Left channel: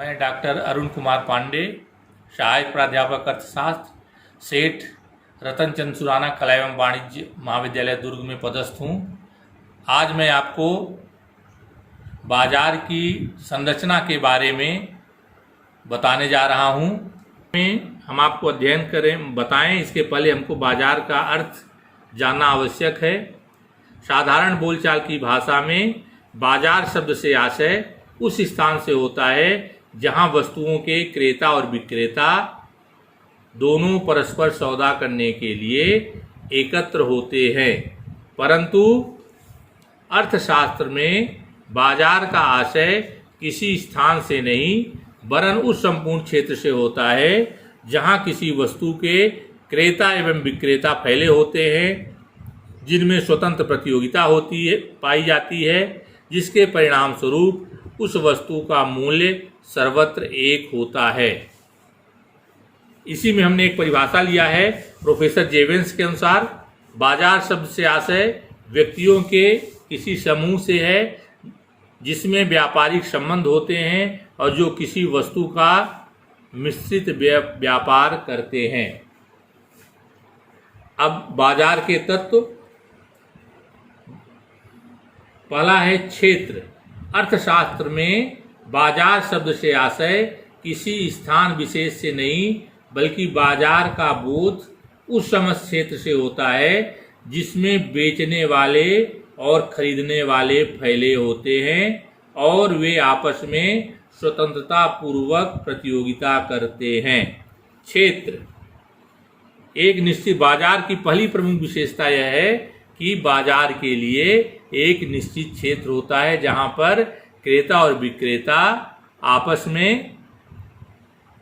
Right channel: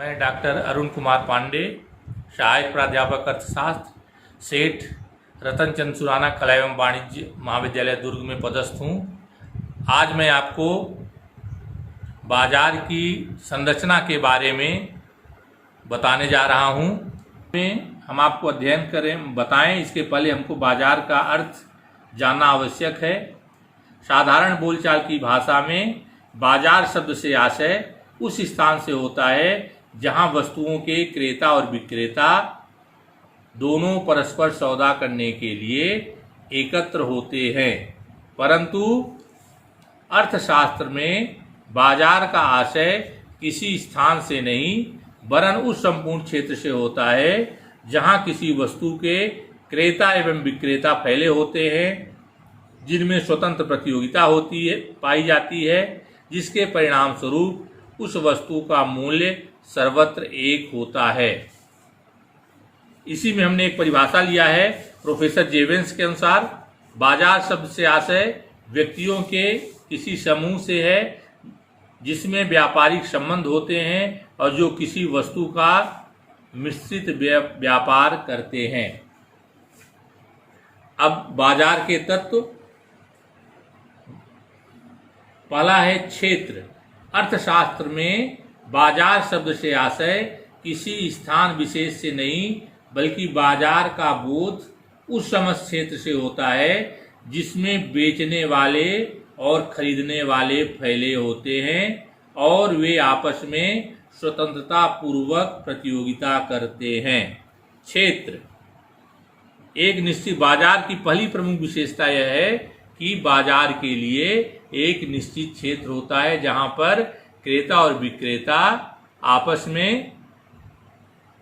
मैं डॉक्टर अरुण कुमार पांडे, सहायक प्राध्यापक अर्थशास्त्र, सेठ रतनचंद सुराना कला एवं वाणिज्य महाविद्यालय दुर्ग में पदस्थ हूँ। आज मैं आपको बाजार की संरचना के बारे में बताने जा रहा हूँ। हम आपको अध्ययन बताएं, इसके पहले हमको बाजार का अर्थ जानना आवश्यक है। साधारण बोलचाल की भाषा में बाजार शब्द से आशय उस स्थान से होता है जहां वस्तुओं के क्रेता और विक्रेता दोनों परस्पर सौदा करने के लिए एकत्र होते हैं। परंतु अर्थशास्त्र में बाजार का आशय किसी स्थान से नहीं वरन उस संपूर्ण क्षेत्र से होता है जहां किसी वस्तु के क्रेता एवं विक्रेता फैले होते हैं, जिनमें स्वतंत्र प्रतियोगिता पाई जाती है, जिसके परिणाम स्वरूप उस वस्तु का मूल्य सर्वत्र एक होता है। इसी में हमने एक परिभाषा लिया है प्रोफेसर जेवेंस के अनुसार, बाजार शब्द से आशय व्यक्तियों के किसी समूह से है जिसमें व्यापारिक संबंध होते हैं और जो किसी वस्तु का मिश्रित व्यापार करते हैं। अब बाजार के तत्व, पहला है क्षेत्र। अर्थशास्त्र में बाजार शब्द से आशय किसी स्थान विशेष से नहीं बल्कि बाजार का बोध उस समस्त क्षेत्र से होता है जिसमें बेचने वाले और खरीदने वाले फैले होते हैं और वे आपस में स्वतंत्रता पूर्वक प्रतियोगिता करते हैं। क्षेत्र एक निश्चित बाजार की पहली प्रमुख विशेषता यह है कि बाजार के लिए एक निश्चित क्षेत्र होता है जहां पर क्रेता और विक्रेता आपस में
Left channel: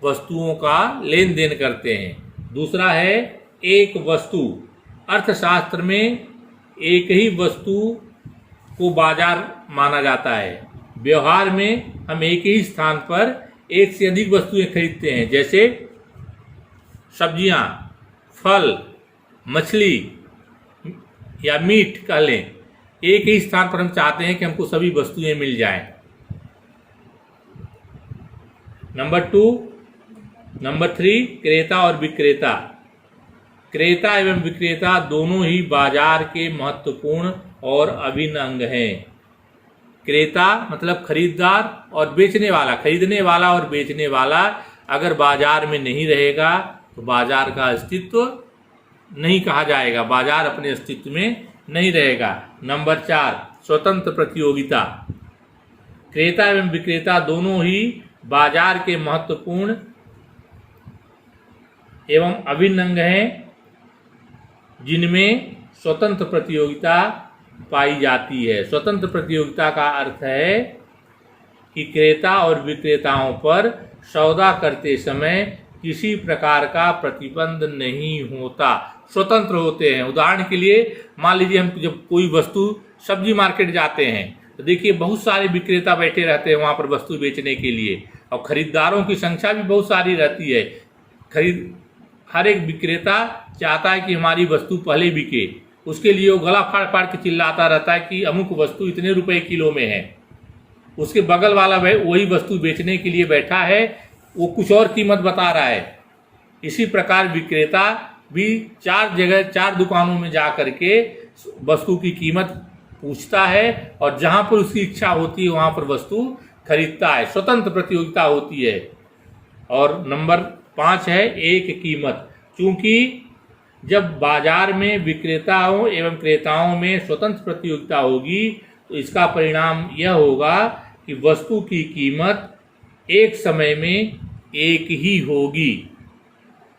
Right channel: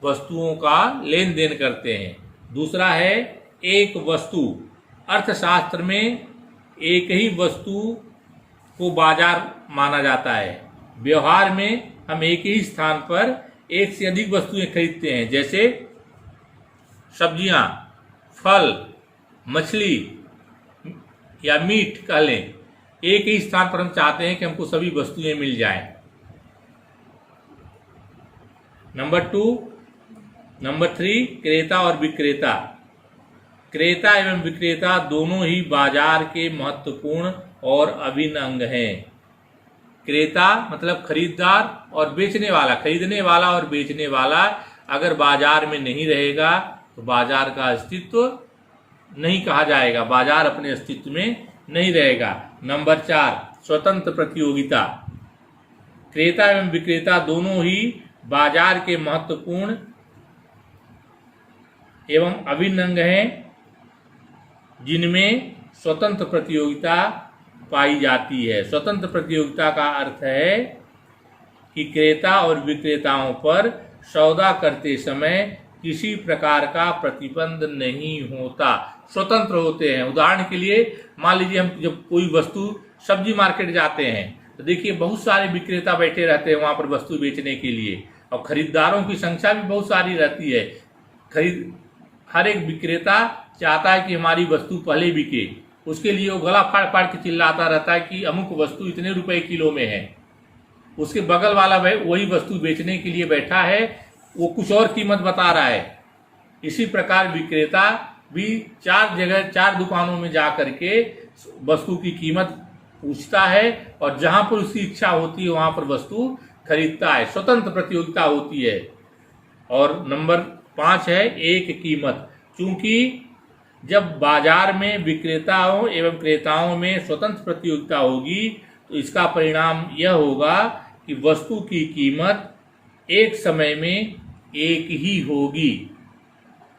वस्तुओं का लेन देन करते हैं। दूसरा है एक वस्तु। अर्थशास्त्र में एक ही वस्तु को बाजार माना जाता है। व्यवहार में हम एक ही स्थान पर एक से अधिक वस्तुएं खरीदते हैं, जैसे सब्जियां, फल, मछली या मीट कह लें। एक ही स्थान पर हम चाहते हैं कि हमको सभी वस्तुएं मिल जाएं। नंबर 3 क्रेता और विक्रेता। क्रेता एवं विक्रेता दोनों ही बाजार के महत्वपूर्ण और अभिन्न अंग हैं। क्रेता मतलब खरीदार और बेचने वाला, खरीदने वाला और बेचने वाला अगर बाजार में नहीं रहेगा तो बाजार का अस्तित्व नहीं कहा जाएगा, बाजार अपने अस्तित्व में नहीं रहेगा। नंबर 4 स्वतंत्र प्रतियोगिता। क्रेता एवं विक्रेता दोनों ही बाजार के महत्वपूर्ण एवं अभिन्न अंग हैं जिनमें स्वतंत्र प्रतियोगिता पाई जाती है। स्वतंत्र प्रतियोगिता का अर्थ है कि क्रेता और विक्रेताओं पर सौदा करते समय किसी प्रकार का प्रतिबंध नहीं होता, स्वतंत्र होते हैं। उदाहरण के लिए मान लीजिए हम जब कोई वस्तु सब्जी मार्केट जाते हैं तो देखिए बहुत सारे विक्रेता बैठे रहते हैं वहां पर वस्तु बेचने के लिए और खरीदारों की संख्या भी बहुत सारी रहती है। हर एक विक्रेता चाहता है कि हमारी वस्तु पहले बिके, उसके लिए वो गला फाड़ फाड़ के चिल्लाता रहता है कि अमुक वस्तु इतने रुपए किलो में है। उसके बगल वाला वही वस्तु बेचने के लिए बैठा है, वो कुछ और कीमत बता रहा है। इसी प्रकार विक्रेता भी 4 दुकानों में जा करके वस्तु की कीमत पूछता है और जहां पर उसकी इच्छा होती है वहां पर वस्तु खरीदता है। स्वतंत्र प्रतियोगिता होती है। और नंबर 5 है एक कीमत। क्योंकि जब बाजार में विक्रेताओं एवं क्रेताओं में स्वतंत्र प्रतियोगिता होगी तो इसका परिणाम यह होगा कि वस्तु की कीमत एक समय में एक ही होगी।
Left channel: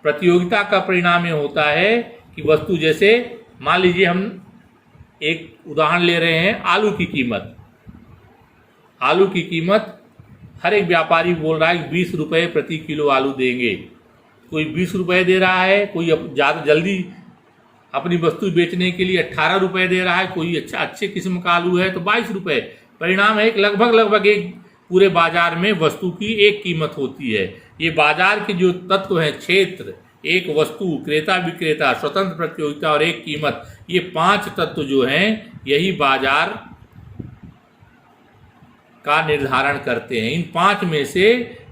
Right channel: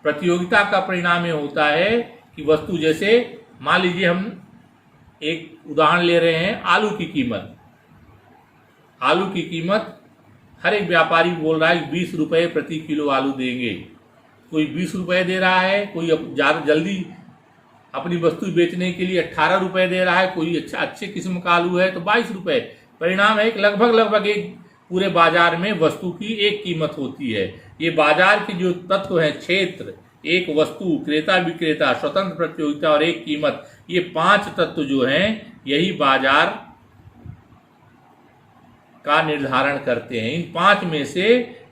प्रतियोगिता का परिणाम यह होता है कि वस्तु, जैसे मान लीजिए हम एक उदाहरण ले रहे हैं आलू की कीमत। आलू की कीमत हर एक व्यापारी बोल रहा है 20 रुपए प्रति किलो आलू देंगे। कोई 20 रुपए दे रहा है, कोई ज्यादा जल्दी अपनी वस्तु बेचने के लिए 18 रुपए दे रहा है, कोई अच्छे किस्म का आलू है तो 22 रुपए। परिणाम है कि लगभग एक पूरे बाजार में वस्तु की एक कीमत होती है। ये बाजार के जो तत्व हैं, क्षेत्र, एक वस्तु, क्रेता विक्रेता, स्वतंत्र प्रतियोगिता और एक कीमत, ये 5 तत्व जो हैं यही बाजार का निर्धारण करते हैं। इन 5 में से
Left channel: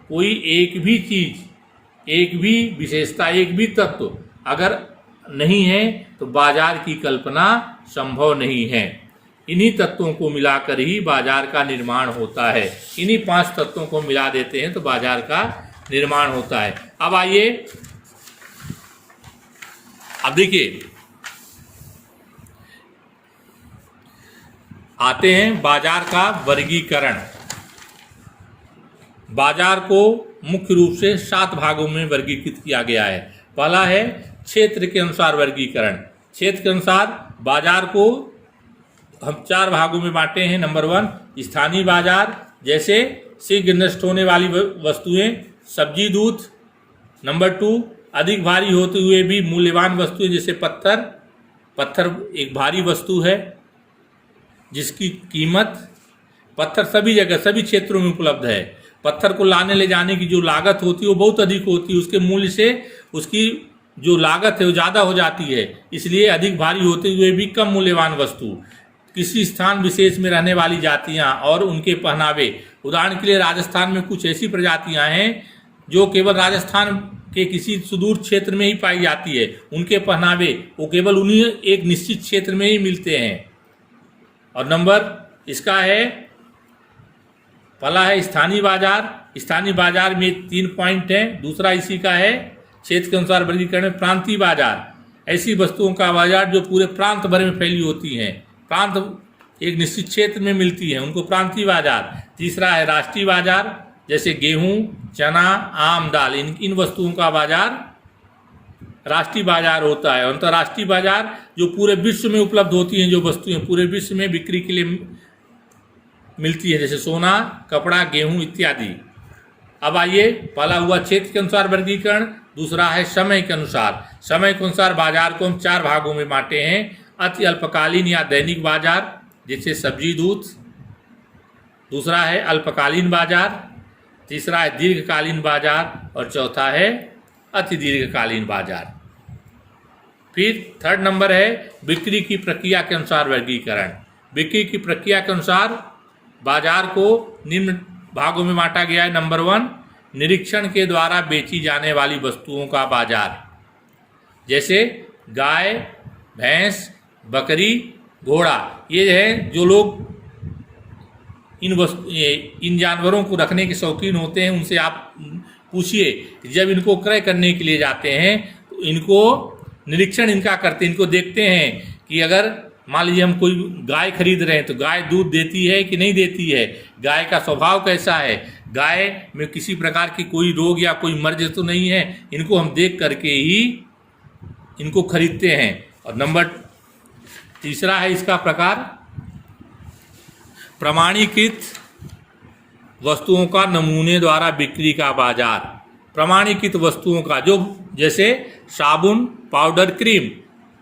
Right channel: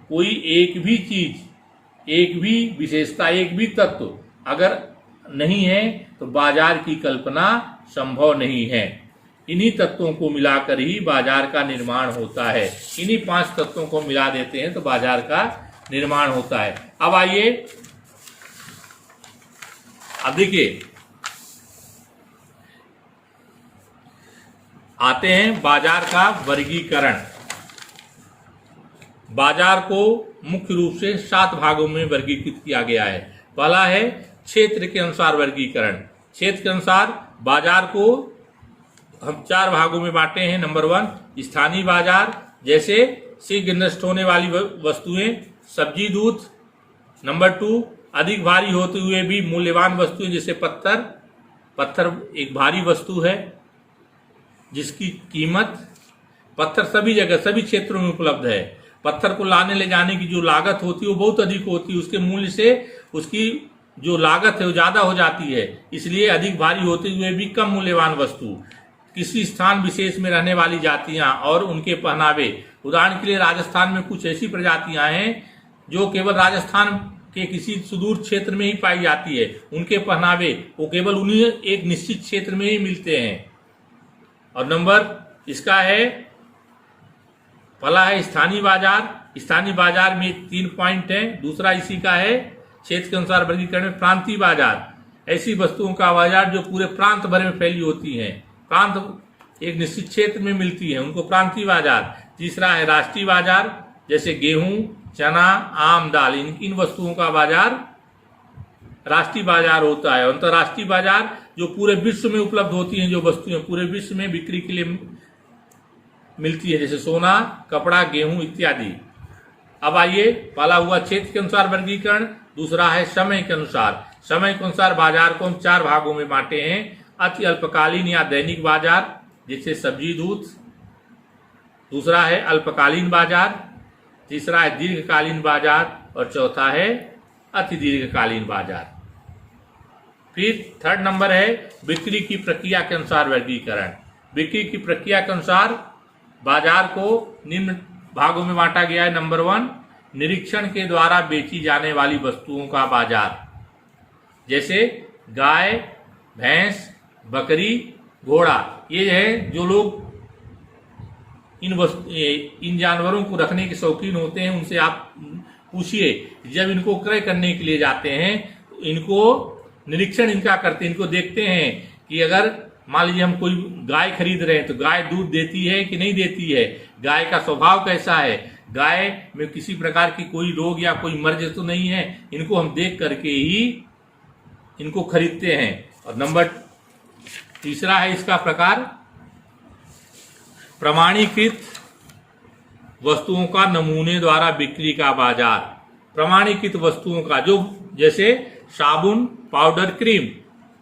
कोई एक भी चीज, एक भी विशेषता, एक भी तत्व अगर नहीं है तो बाजार की कल्पना संभव नहीं है। इन्हीं तत्वों को मिलाकर ही बाजार का निर्माण होता है। इन्हीं 5 तत्वों को मिला देते हैं तो बाजार का निर्माण होता है। अब आइए, अब देखिए, आते हैं बाजार का वर्गीकरण। बाजार को मुख्य रूप से 7 भागों में वर्गीकृत किया गया है। पहला है क्षेत्र के अनुसार वर्गीकरण। क्षेत्र के अनुसार बाजार को हम 4 भागों में बांटे हैं। नंबर 1 स्थानीय बाजार, जैसे शीघ्र नष्ट होने वाली वस्तुएं, सब्जी, दूध। नंबर 2 अधिक भारी होते हुए भी मूल्यवान वस्तुएं, जैसे पत्थर। पत्थर एक भारी वस्तु है जिसकी कीमत, पत्थर सभी जगह सभी क्षेत्रों में उपलब्ध है। पत्थर को लाने ले जाने की जो लागत होती है वो बहुत अधिक होती है, उसके मूल्य से उसकी जो लागत है वो ज्यादा हो जाती है। इसलिए अधिक भारी होते हुए भी कम मूल्यवान वस्तु। किसी स्थान विशेष में रहने वाली जातियां और उनके पहनावे। उदाहरण के लिए राजस्थान में कुछ ऐसी प्रजातियां हैं जो केवल राजस्थान के किसी सुदूर क्षेत्र में ही पाई जाती है। उनके पहनावे वो केवल उन्हीं एक निश्चित क्षेत्र में ही मिलते हैं। और नंबर इसका है, पहला है स्थानीय बाजार। स्थानीय बाजार में 3 पॉइंट हैं। दूसरा इसी का है क्षेत्र के अनुसार वर्गीकरण में प्रांतीय बाजार। ऐसी वस्तुओं का बाजार जो पूरे प्रांत भर में फैली होती हैं, प्रांत एक निश्चित क्षेत्र में मिलती है, उनको प्रांतीय बाजार। तीसरा है राष्ट्रीय बाजार, जैसे गेहूं, चना, आम, दाल, इन वस्तुओं का बाजार राष्ट्रीय बाजार होता है। अंतर्राष्ट्रीय बाजार जो पूरे विश्व में उपलब्ध होती हैं, जो वस्तुएं पूरे विश्व में बिक्री के लिए मिलती है, जैसे सोना, कपड़ा, गेहूं इत्यादि। अब आइए, पहला हुआ क्षेत्र के अनुसार वर्गीकरण, दूसरा है समय के अनुसार। समय के अनुसार बाजार को हम 4 भागों में बांटे हैं। अति अल्पकालीन या दैनिक बाजार, जैसे सब्जी, दूध। दूसरा है अल्पकालीन बाजार। तीसरा है दीर्घकालीन बाजार और चौथा है अति दीर्घकालीन बाजार। फिर 3rd नंबर है बिक्री की प्रक्रिया के अनुसार वर्गीकरण। बिक्री की प्रक्रिया के अनुसार बाजार को निम्न भागों में बांटा गया है। नंबर 1 निरीक्षण के द्वारा बेची जाने वाली वस्तुओं का बाजार, जैसे गाय, भैंस, बकरी, घोड़ा। ये है जो लोग इन जानवरों को रखने के शौकीन होते हैं, उनसे आप पूछिए, जब इनको क्रय करने के लिए जाते हैं तो इनको निरीक्षण इनका करते हैं, इनको देखते हैं कि अगर मान लीजिए हम कोई गाय खरीद रहे हैं तो गाय दूध देती है कि नहीं देती है, गाय का स्वभाव कैसा है, गाय में किसी प्रकार की कोई रोग या कोई मर्ज तो नहीं है। इनको हम देख करके ही इनको खरीदते हैं। और नंबर 3 है इसका प्रकार प्रमाणीकृत वस्तुओं का नमूने द्वारा बिक्री का बाजार। प्रमाणीकृत वस्तुओं का, जो जैसे साबुन, पाउडर, क्रीम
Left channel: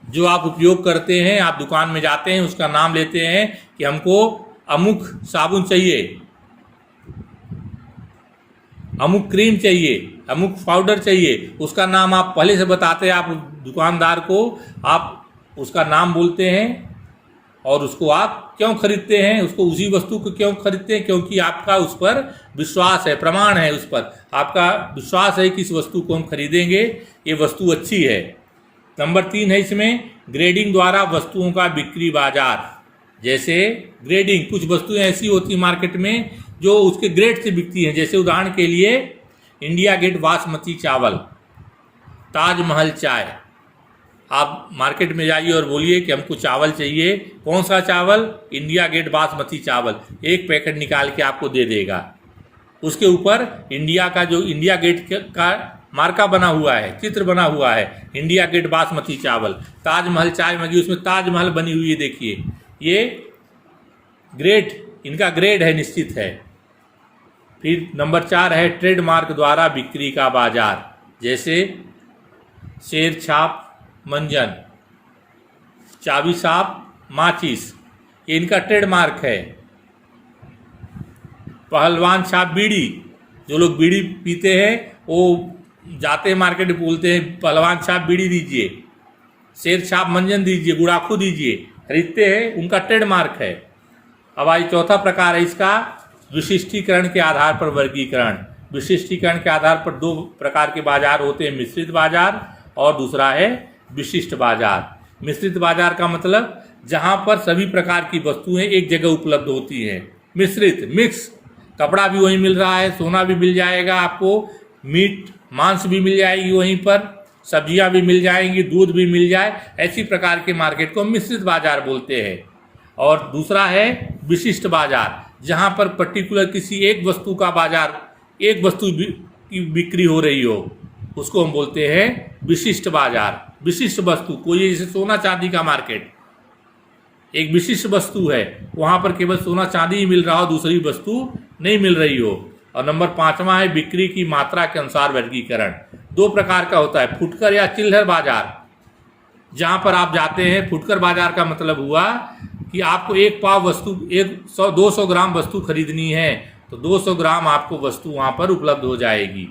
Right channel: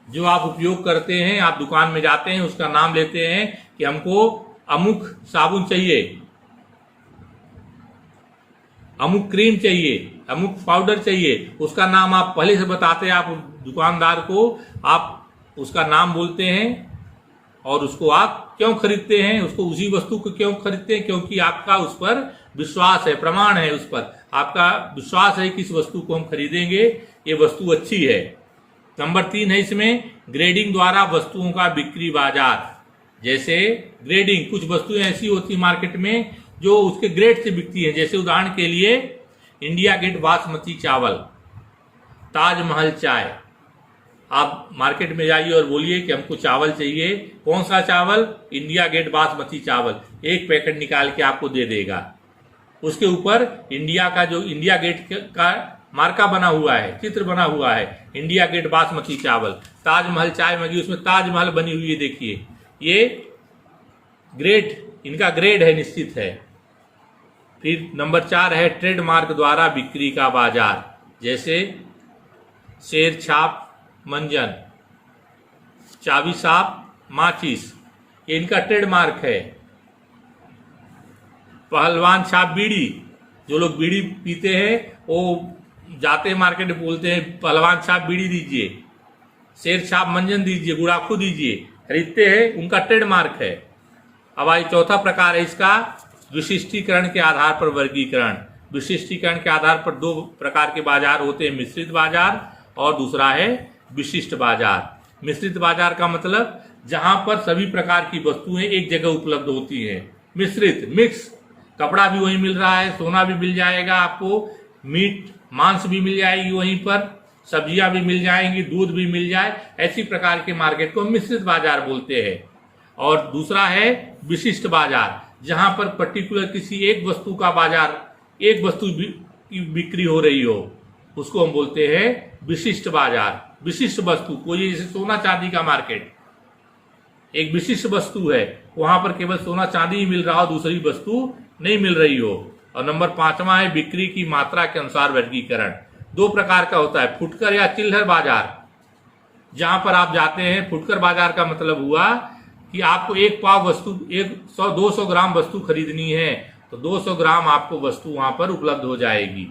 जो आप उपयोग करते हैं, आप दुकान में जाते हैं, उसका नाम लेते हैं कि हमको अमुक साबुन चाहिए, अमुक क्रीम चाहिए, अमुक पाउडर चाहिए, उसका नाम आप पहले से बताते हैं। आप दुकानदार को आप उसका नाम बोलते हैं और उसको आप क्यों खरीदते हैं, उसको उसी वस्तु को क्यों खरीदते हैं, क्योंकि आपका उस पर विश्वास है, प्रमाण है, उस पर आपका विश्वास है कि इस वस्तु को हम खरीदेंगे, ये वस्तु अच्छी है। नंबर 3 है इसमें ग्रेडिंग द्वारा वस्तुओं का बिक्री बाजार। जैसे ग्रेडिंग, कुछ वस्तुएं ऐसी होती मार्केट में जो उसके ग्रेड से बिकती हैं, जैसे उदाहरण के लिए इंडिया गेट बासमती चावल, ताजमहल चाय। आप मार्केट में जाइए और बोलिए कि हमको चावल चाहिए, कौन सा चावल, इंडिया गेट बासमती चावल, एक पैकेट निकाल के आपको दे देगा। उसके ऊपर इंडिया का जो इंडिया गेट का मार्का बना हुआ है, चित्र बना हुआ है, इंडिया गेट बासमती चावल। ताजमहल चाय मंगी, उसमें ताजमहल बनी हुई है, देखिए ये ग्रेड, इनका ग्रेड है, निश्चित है। फिर नंबर 4 है ट्रेडमार्क द्वारा बिक्री का बाजार। जैसे शेर छाप मंजन, चाबी साप माचिस, ये इनका ट्रेडमार्क है। पहलवान छाप बीड़ी, जो लोग बीड़ी पीते हैं वो जाते हैं मार्केट में बोलते हैं पहलवान छाप बीड़ी दीजिए, शेर छाप मंजन दीजिए, गुड़ाखू दीजिए, खरीदते हैं, उनका ट्रेडमार्क है। अब आज चौथा प्रकार है इसका विशिष्टीकरण के आधार पर वर्गीकरण। विशिष्टीकरण के आधार पर दो प्रकार के बाजार होते हैं, मिश्रित बाजार और दूसरा है विशिष्ट बाजार। मिश्रित बाजार का मतलब जहां पर सभी प्रकार की वस्तुएं एक जगह उपलब्ध होती हैं। मिश्रित, मिक्स, कपड़ा भी वहीं मिल रहा है, सोना भी मिल जाएगा आपको, मीट मांस भी मिल जाएगी वहीं पर, सब्जियां भी मिल जाएंगी, दूध भी मिल जाए, ऐसी प्रकार के मार्केट को मिश्रित बाजार बोलते हैं। और दूसरा है विशिष्ट बाजार, जहां पर पर्टिकुलर किसी एक वस्तु का बाजार, एक वस्तु की बिक्री हो रही हो, उसको हम बोलते हैं विशिष्ट बाजार। विशिष्ट वस्तु, कोई जैसे सोना चांदी का मार्केट एक विशिष्ट वस्तु है, वहां पर केवल सोना चांदी ही मिल रहा हो, दूसरी वस्तु नहीं मिल रही हो। और नंबर 5वां है बिक्री की मात्रा के अनुसार वर्गीकरण। दो प्रकार का होता है, फुटकर या चिल्लर बाजार। जहां पर आप जाते हैं, फुटकर बाजार का मतलब हुआ कि आपको एक पाव वस्तु, 200 ग्राम वस्तु खरीदनी है तो 200 ग्राम आपको वस्तु वहां पर उपलब्ध हो जाएगी।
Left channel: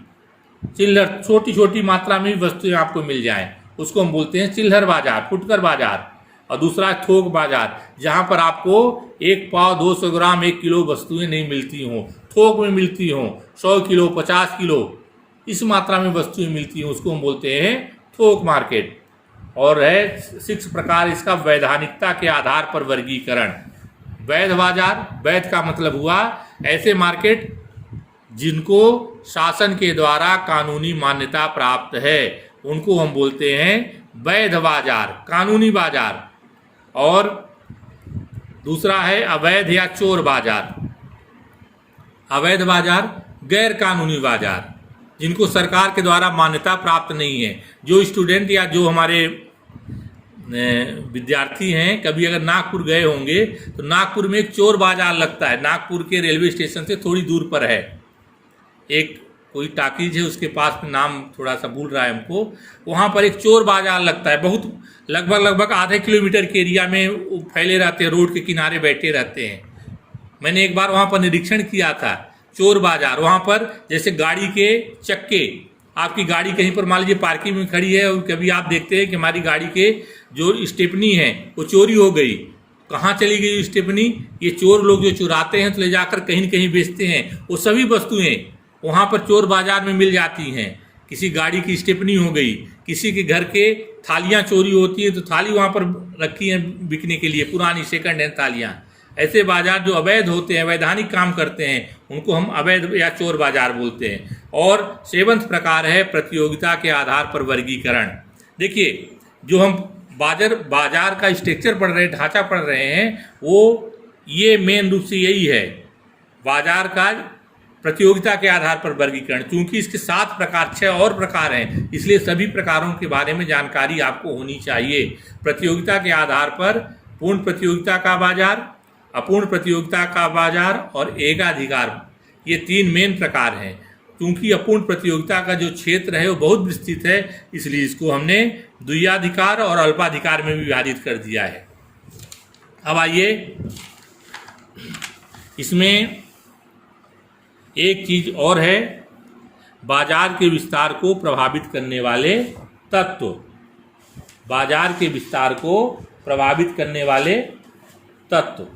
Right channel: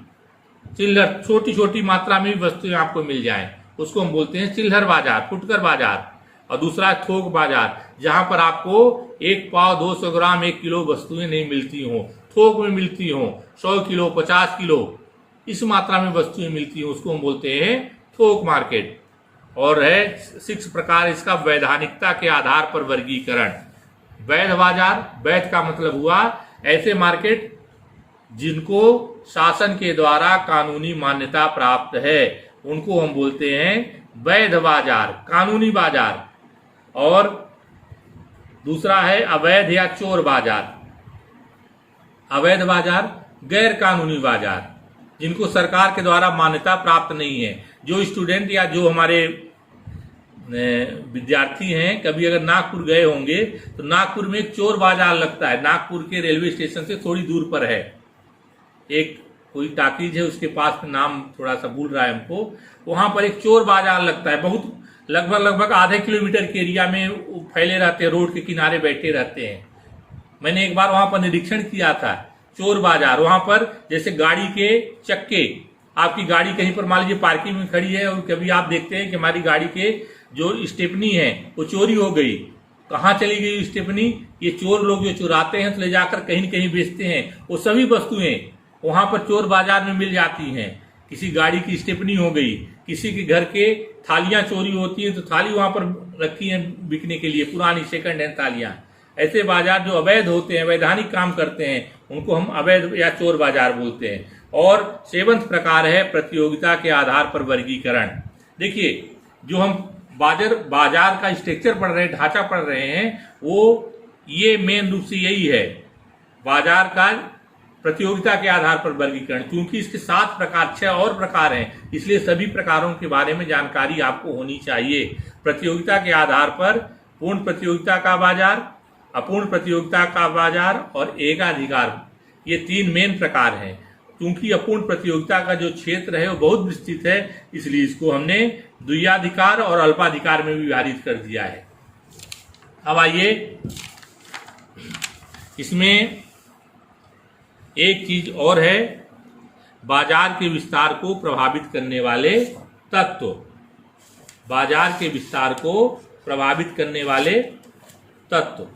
चिल्लर, छोटी छोटी मात्रा में वस्तुएं आपको मिल जाएं, उसको हम बोलते हैं चिल्लर बाजार, फुटकर बाजार। और दूसरा है थोक बाजार, जहां पर आपको एक पाव, 200 ग्राम, 1 किलो वस्तुएं नहीं मिलती हों, थोक में मिलती हों, 100 किलो, 50 किलो, इस मात्रा में वस्तुएं मिलती हैं, उसको हम बोलते हैं थोक मार्केट। और है 6 प्रकार इसका वैधानिकता के आधार पर वर्गीकरण। वैध बाजार, वैध का मतलब हुआ ऐसे मार्केट जिनको शासन के द्वारा कानूनी मान्यता प्राप्त है, उनको हम बोलते हैं वैध बाजार, कानूनी बाजार। और दूसरा है अवैध या चोर बाजार। अवैध बाजार, गैर कानूनी बाजार, जिनको सरकार के द्वारा मान्यता प्राप्त नहीं है। जो स्टूडेंट या जो हमारे विद्यार्थी हैं, कभी अगर नागपुर गए होंगे तो नागपुर में एक चोर बाजार लगता है, नागपुर के रेलवे स्टेशन से थोड़ी दूर पर है। एक कोई टाकीज है, उसके पास में नाम थोड़ा सा भूल रहा है हमको, वहां पर एक चोर बाजार लगता है। बहुत लगभग आधे किलोमीटर के एरिया में फैले रहते हैं, रोड के किनारे बैठे रहते हैं। मैंने एक बार वहां पर निरीक्षण किया था, चोर बाजार। वहां पर जैसे गाड़ी के चक्के, आपकी गाड़ी कहीं पर मान लीजिए पार्किंग में खड़ी है और कभी आप देखते हैं कि हमारी गाड़ी के जो स्टेपनी है वो चोरी हो गई, कहाँ चली गई स्टेपनी? ये चोर लोग जो चुराते हैं तो ले जाकर कहीं न कहीं बेचते हैं। वो सभी वस्तुएं वहां पर चोर बाजार में मिल जाती हैं। किसी गाड़ी की स्टेपनी हो गई, किसी के घर के थालियां चोरी होती हैं तो थाली वहां पर रखी हैं बिकने के लिए, पुरानी सेकंड हैंड थालियां। ऐसे बाजार जो अवैध होते हैं, वैधानिक काम करते हैं, उनको हम अवैध या चोर बाजार बोलते हैं। और 7वां प्रकार है प्रतियोगिता के आधार पर वर्गीकरण। देखिए, जो हम बाजार का स्ट्रक्चर पढ़ रहे हैं, ढांचा पढ़ रहे हैं, वो ये मेन रूप से यही है, बाजार का प्रतियोगिता के आधार पर वर्गीकरण। चूंकि इसके 7 प्रकार, 6 और प्रकार हैं, इसलिए सभी प्रकारों के बारे में जानकारी आपको होनी चाहिए। प्रतियोगिता के आधार पर पूर्ण प्रतियोगिता का बाजार, अपूर्ण प्रतियोगिता का बाजार और एकाधिकार, ये 3 मेन प्रकार हैं। क्योंकि अपूर्ण प्रतियोगिता का जो क्षेत्र है वो बहुत विस्तृत है, इसलिए इसको हमने द्वियाधिकार और अल्पाधिकार में भी विभाजित कर दिया है। अब आइए, इसमें एक चीज और है, बाजार के विस्तार को प्रभावित करने वाले तत्व। बाजार के विस्तार को प्रभावित करने वाले तत्व,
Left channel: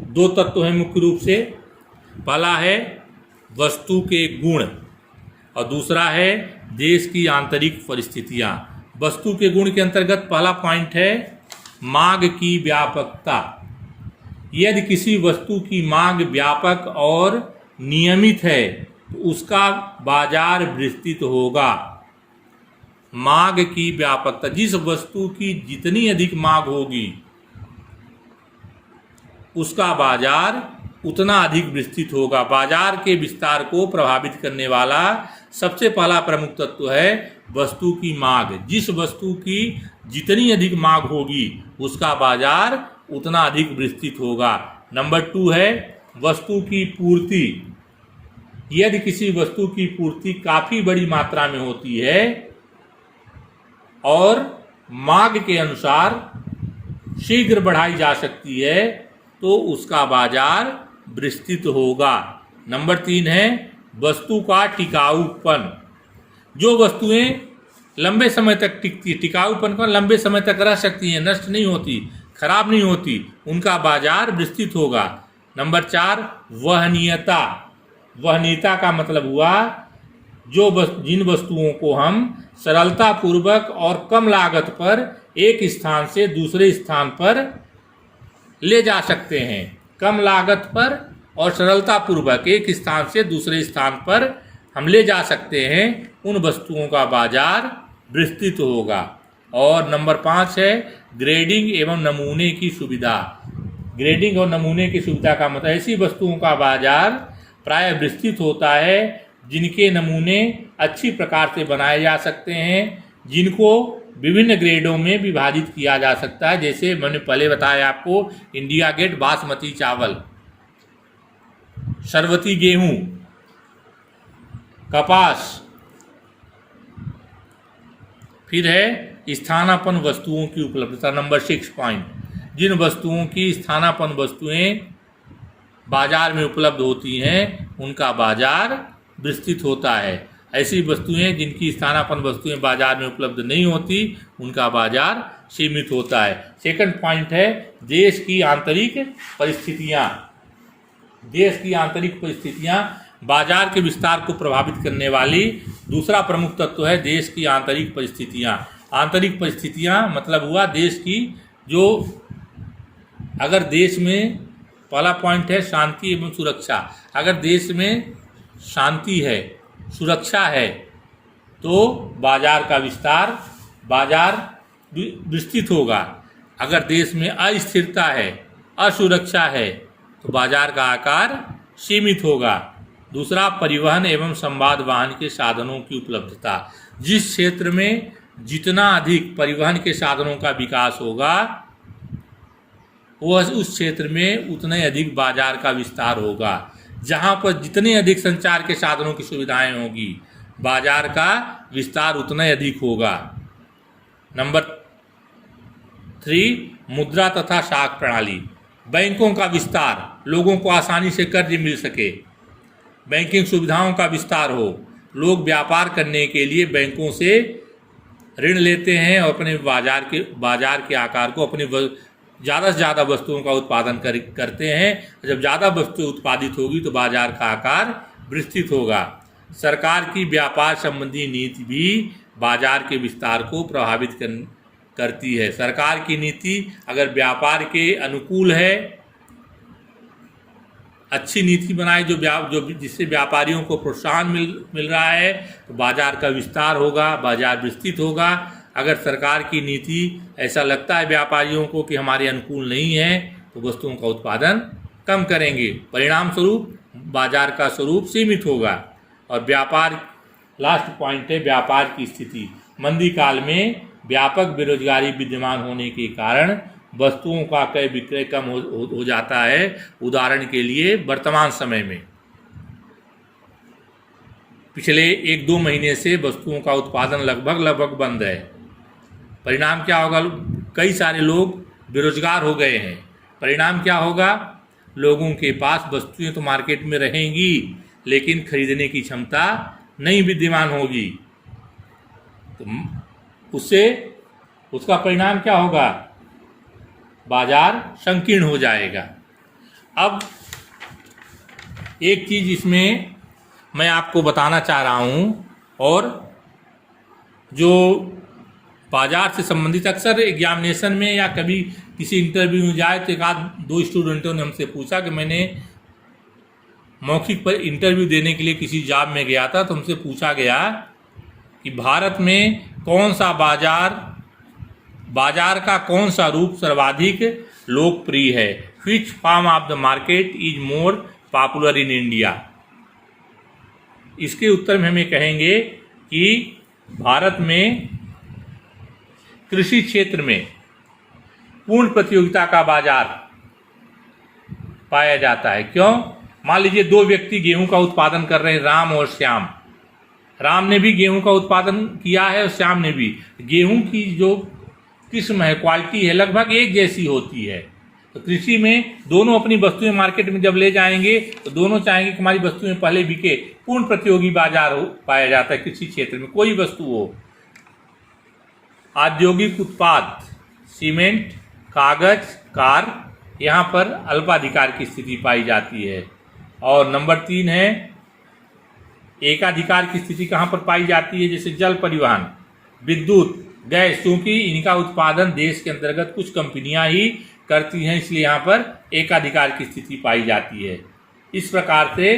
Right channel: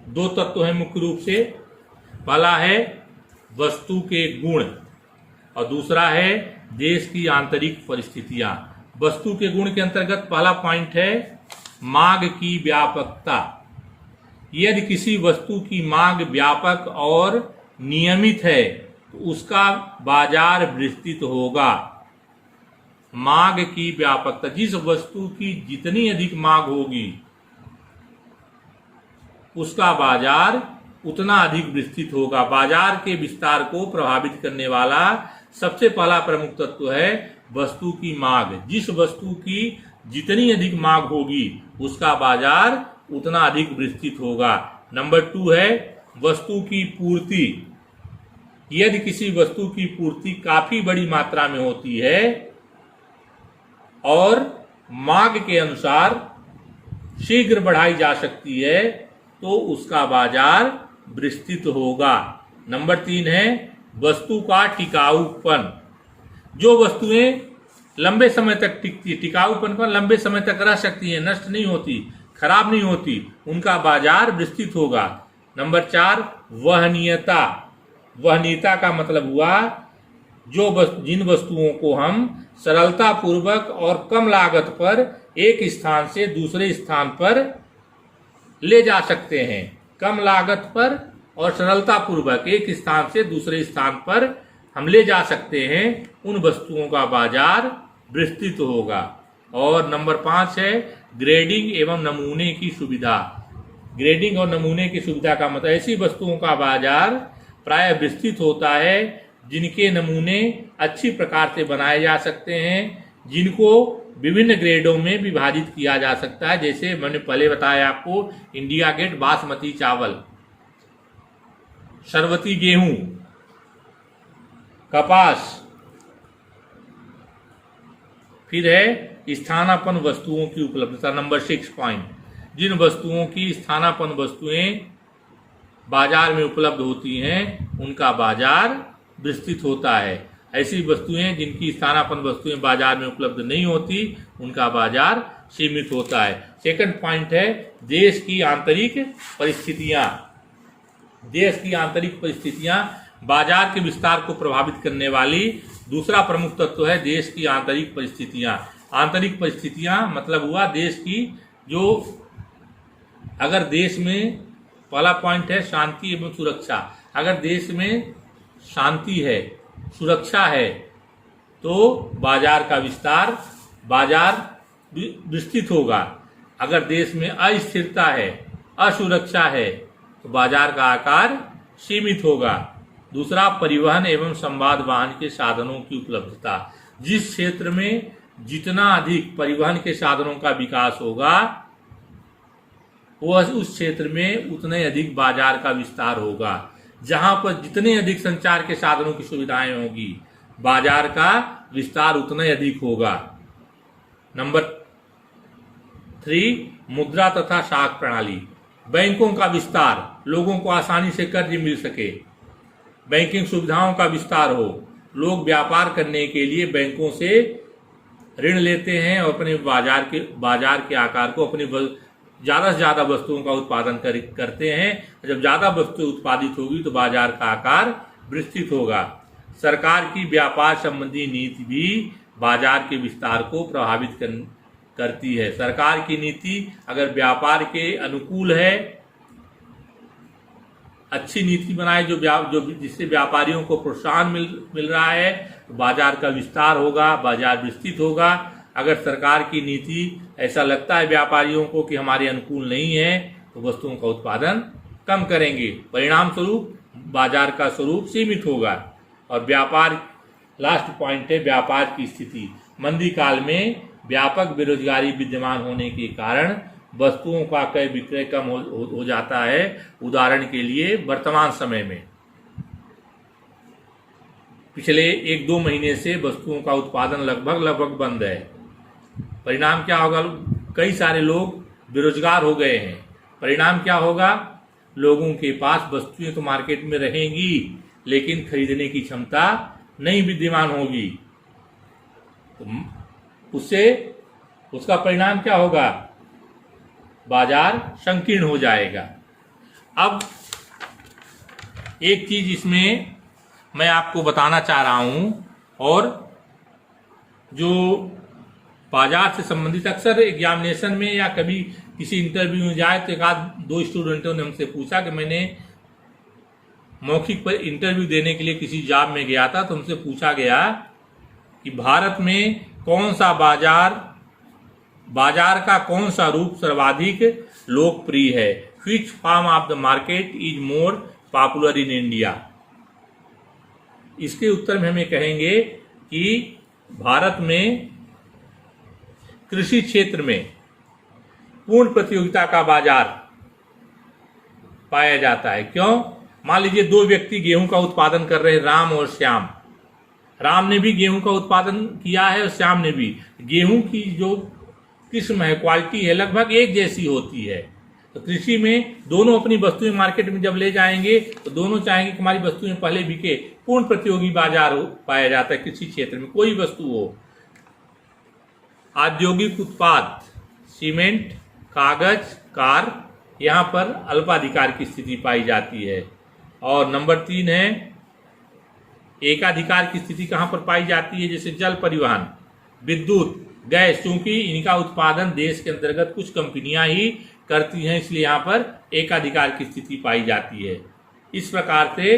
2 तत्व हैं मुख्य रूप से। पहला है वस्तु के गुण और दूसरा है देश की आंतरिक परिस्थितियां। वस्तु के गुण के अंतर्गत पहला पॉइंट है मांग की व्यापकता। यदि किसी वस्तु की मांग व्यापक और नियमित है तो उसका बाजार विस्तृत होगा। मांग की व्यापकता, जिस वस्तु की जितनी अधिक मांग होगी उसका बाजार उतना अधिक विस्तृत होगा। बाजार के विस्तार को प्रभावित करने वाला सबसे पहला प्रमुख तत्व है वस्तु की मांग। जिस वस्तु की जितनी अधिक मांग होगी उसका बाजार उतना अधिक विस्तृत होगा। नंबर 2 है वस्तु की पूर्ति। यदि किसी वस्तु की पूर्ति काफी बड़ी मात्रा में होती है और मांग के अनुसार शीघ्र बढ़ाई जा सकती है तो उसका बाजार विस्तृत होगा। नंबर 3 है वस्तु का टिकाऊपन। जो वस्तुएं लंबे समय तक टिकती, टिकाऊपन पर लंबे समय तक रह सकती हैं, नष्ट नहीं होती, खराब नहीं होती, उनका बाजार विस्तृत होगा। नंबर 4 वहनीयता। वहनीयता का मतलब हुआ जिन वस्तुओं को हम सरलता पूर्वक और कम लागत पर एक स्थान से दूसरे स्थान पर ले जा सकते हैं। कम लागत पर और सरलता पूर्वक एक स्थान से दूसरे स्थान पर हम ले जा सकते हैं, उन वस्तुओं का बाजार विस्तृत होगा। और नंबर 5 है ग्रेडिंग एवं नमूने की सुविधा। ग्रेडिंग और नमूने की सुविधा का मतलब ऐसी वस्तुओं का बाजार प्राय विस्तृत होता है जिनके नमूने अच्छी प्रकार से बनाए जा सकते हैं, जिनको विभिन्न ग्रेडों में विभाजित किया जा सकता है। जैसे मैंने पहले बताया आपको, इंडिया गेट बासमती चावल, सरवती गेहूं, कपास। फिर है स्थानापन्न वस्तुओं की उपलब्धता, नंबर 6 पॉइंट। जिन वस्तुओं की स्थानापन्न वस्तुएं बाजार में उपलब्ध होती हैं उनका बाजार विस्तृत होता है। ऐसी वस्तुएं जिनकी स्थानापन्न वस्तुएं बाजार में उपलब्ध नहीं होती उनका बाजार सीमित होता है। सेकंड पॉइंट है देश की आंतरिक परिस्थितियां। देश की आंतरिक परिस्थितियां बाजार के विस्तार को प्रभावित करने वाली दूसरा प्रमुख तत्व है देश की आंतरिक परिस्थितियां। आंतरिक परिस्थितियां मतलब हुआ देश की जो, अगर देश में, पहला पॉइंट है शांति एवं सुरक्षा। अगर देश में शांति है, सुरक्षा है, तो बाजार का विस्तार, बाजार विस्तृत होगा। अगर देश में अस्थिरता है, असुरक्षा है, तो बाजार का आकार सीमित होगा। दूसरा, परिवहन एवं संवाद वाहन के साधनों की उपलब्धता। जिस क्षेत्र में जितना अधिक परिवहन के साधनों का विकास होगा, वह उस क्षेत्र में उतने अधिक बाजार का विस्तार होगा। जहां पर जितने अधिक संचार के साधनों की सुविधाएं होगी, बाजार का विस्तार उतना अधिक होगा। नंबर 3, मुद्रा तथा शाख प्रणाली। बैंकों का विस्तार, लोगों को आसानी से कर्ज मिल सके, बैंकिंग सुविधाओं का विस्तार हो, लोग व्यापार करने के लिए बैंकों से ऋण लेते हैं और अपने बाजार के आकार को, अपने ज़्यादा से ज़्यादा वस्तुओं का उत्पादन करते हैं। जब ज़्यादा वस्तु उत्पादित होगी तो बाजार का आकार विस्तृत होगा। सरकार की व्यापार संबंधी नीति भी बाजार के विस्तार को प्रभावित करती है। सरकार की नीति अगर व्यापार के अनुकूल है, अच्छी नीति बनाए जो जिससे व्यापारियों को प्रोत्साहन मिल रहा है, तो बाजार का विस्तार होगा, बाजार विस्तृत होगा। अगर सरकार की नीति ऐसा लगता है व्यापारियों को कि हमारे अनुकूल नहीं है, तो वस्तुओं का उत्पादन कम करेंगे। परिणाम स्वरूप बाजार का स्वरूप सीमित होगा। और व्यापार, लास्ट पॉइंट है व्यापार की स्थिति। मंदी काल में व्यापक बेरोजगारी विद्यमान होने के कारण वस्तुओं का क्रय विक्रय कम हो जाता है। उदाहरण के लिए वर्तमान समय में पिछले 1-2 महीने से वस्तुओं का उत्पादन लगभग बंद है। परिणाम क्या होगा? कई सारे लोग बेरोजगार हो गए हैं। परिणाम क्या होगा? लोगों के पास वस्तुएं तो मार्केट में रहेंगी, लेकिन खरीदने की क्षमता नहीं विद्यमान होगी। तो उसका परिणाम क्या होगा? बाजार संकीर्ण हो जाएगा। अब एक चीज इसमें मैं आपको बताना चाह रहा हूं, और जो बाजार से संबंधित अक्सर एग्जामिनेशन में या कभी किसी इंटरव्यू में जाए तो 1-2 स्टूडेंटों ने हमसे पूछा कि मैंने मौखिक पर इंटरव्यू देने के लिए किसी जॉब में गया था, तो हमसे पूछा गया कि भारत में कौन सा बाजार का कौन सा रूप सर्वाधिक लोकप्रिय है? Which form of the market is more popular in India? इसके उत्तर में हम ये कहेंगे कि भारत में कृषि क्षेत्र में पूर्ण प्रतियोगिता का बाजार पाया जाता है। क्यों? मान लीजिए 2 व्यक्ति गेहूं का उत्पादन कर रहे हैं, राम और श्याम। राम ने भी गेहूं का उत्पादन किया है और श्याम ने भी। गेहूं की जो किस्म है, क्वालिटी है, लगभग एक जैसी होती है। तो कृषि में दोनों अपनी वस्तुएं मार्केट में जब ले जाएंगे तो दोनों चाहेंगे कि हमारी वस्तुएं पहले बिके। पूर्ण प्रतियोगी बाजार पाया जाता है कृषि क्षेत्र में, कोई वस्तु हो। औद्योगिक उत्पाद, सीमेंट, कागज, कार, यहाँ पर अल्पाधिकार की स्थिति पाई जाती है। और नंबर 3 है एकाधिकार की स्थिति कहाँ पर पाई जाती है? जैसे जल परिवहन, विद्युत, गैस, क्योंकि इनका उत्पादन देश के अंतर्गत कुछ कंपनियां ही करती हैं, इसलिए यहाँ पर एकाधिकार की स्थिति पाई जाती है। इस प्रकार से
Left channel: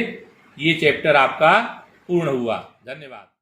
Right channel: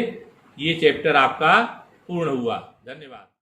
ये चैप्टर आपका पूर्ण हुआ। धन्यवाद।